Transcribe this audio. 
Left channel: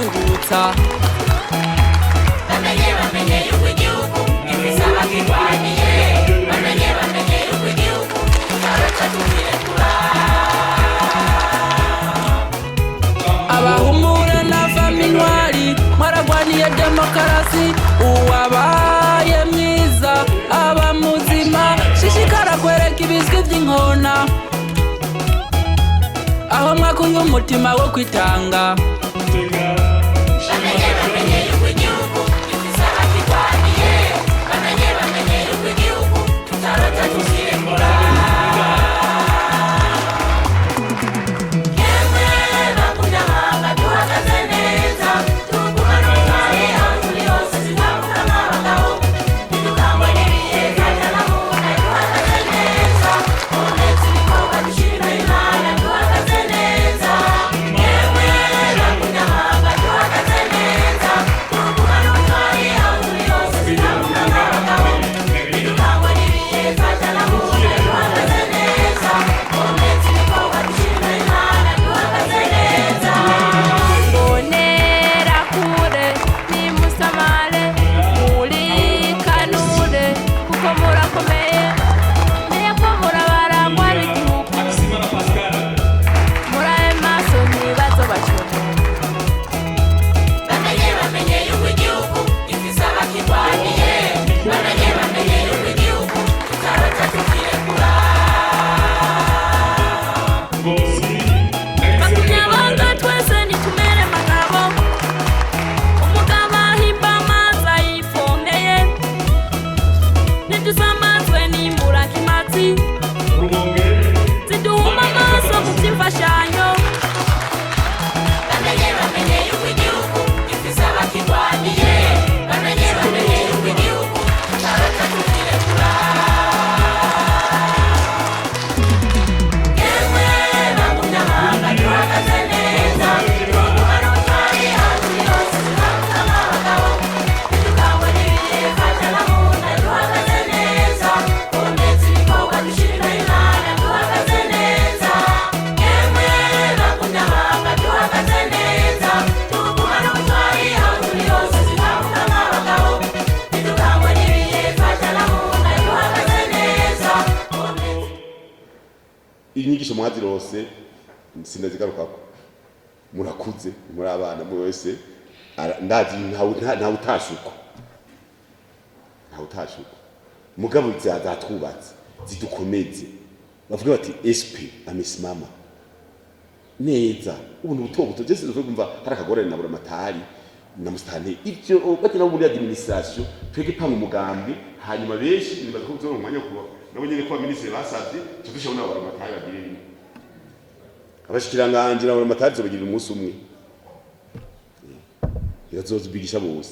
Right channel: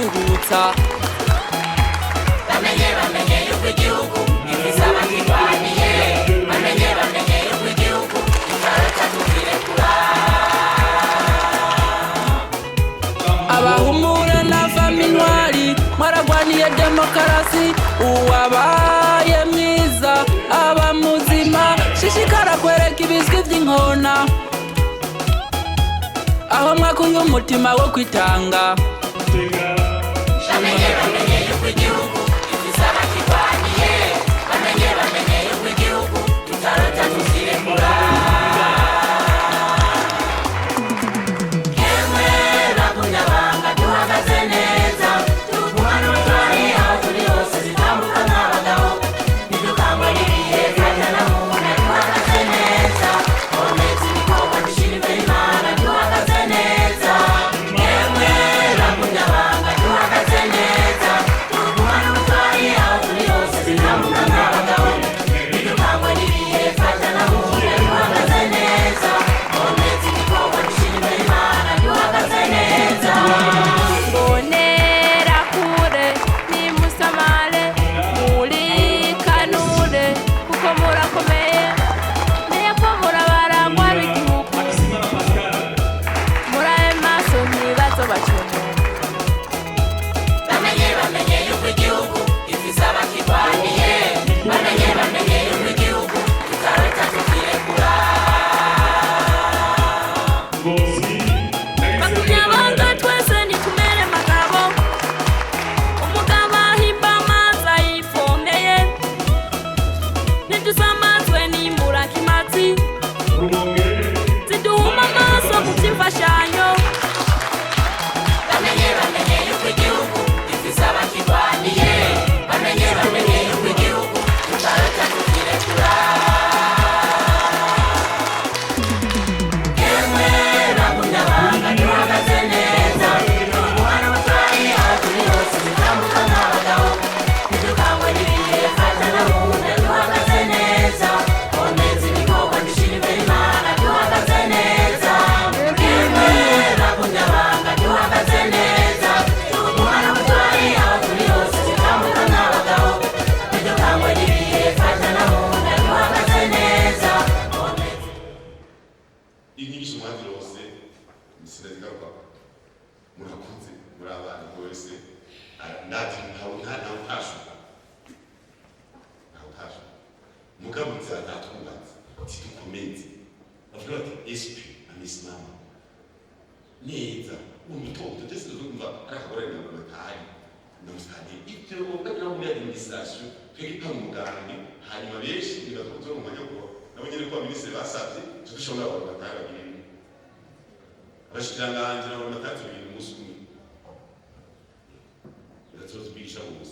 kwiruhutsa. Abahumure na faminwari mwaragwaniye demokarasi, uwabaye mwiza aba muzima, shishikara kwereka ibizwi by'inkona, aho mwakuye umutima wo kwitanga. Inyigisho mwazirose sindazigarukako, murakuze muri abana muri wese ndazi nta utashuko mugabo zatwubatse zidukomeze, bavuga bati esprit amesimama neza. Ubuntu buto Jesse uvuga hari akagorane na buramatari na mustane ivyo bagira muri administration twege panga umugambi, hanyuma benshi nibazo mu mwanya ko nabo nyene ko ministre basavye tudushabona buramatari bagira ibi abashikiranganje na buramatari zobagira umunsi umwe yazozibigisha bose.